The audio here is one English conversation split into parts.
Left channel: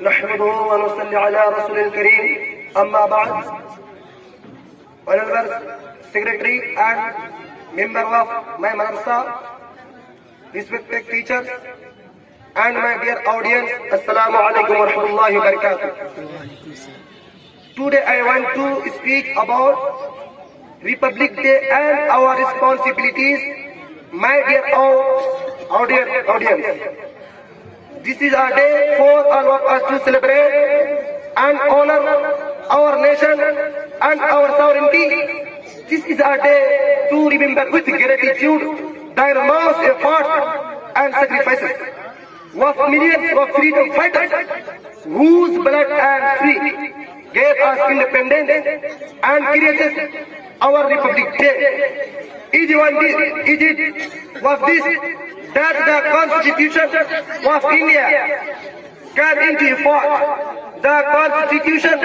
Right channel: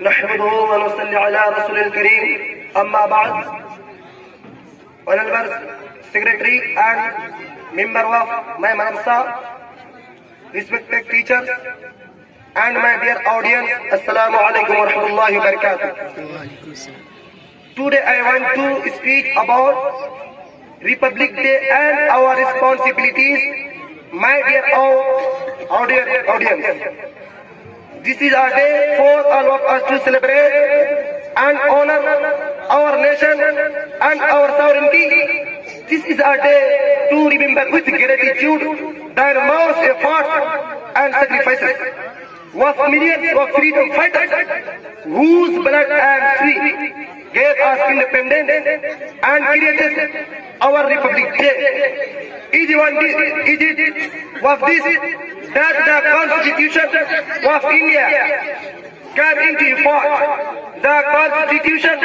نحمده ونصلي على رسول الكريم أما بعد. Honorable Secretary and member of my madrasa, respected teachers and my dear audience, Assalamu alaikum wa rahmatullahi wa barakatuh. Today I want to speak about Republic Day and our responsibilities, my dear audience. This is a day for all of us to celebrate and honor our nation and our sovereignty. This is a day to remember with gratitude the enormous efforts and sacrifices of millions of freedom fighters whose blood and sweat gave us independence and created our Republic Day. It was this that the Constitution of India came into effect. The Constitution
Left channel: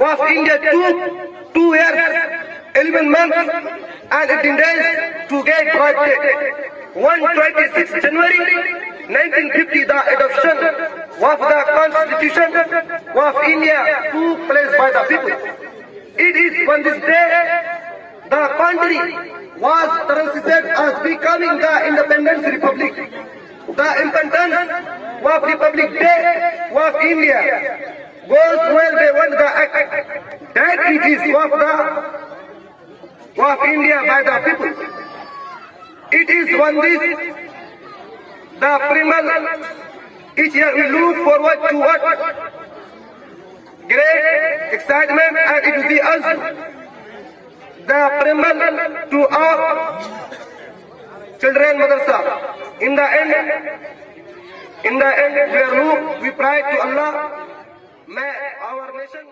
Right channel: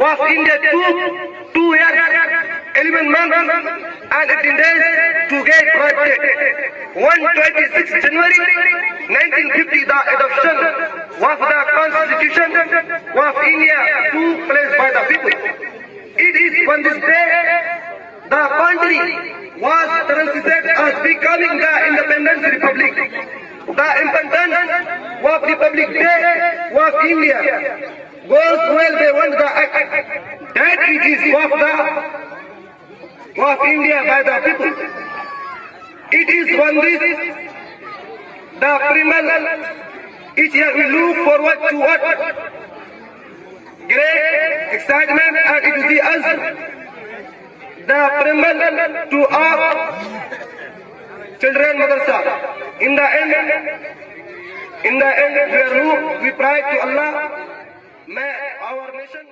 of India took 2 years, 11 months and 18 days to get drafted. On 26 January 1950, the adoption of the Constitution of India took place by the people. It is on this day the country was transited as becoming the Independence Republic. The importance of Republic Day of India goes well beyond the act that it is of India by the people. It is on this the primal each year we look forward to what great excitement, and it will be us the primal to our children madrasa. In the end, we pray to Allah, may our nation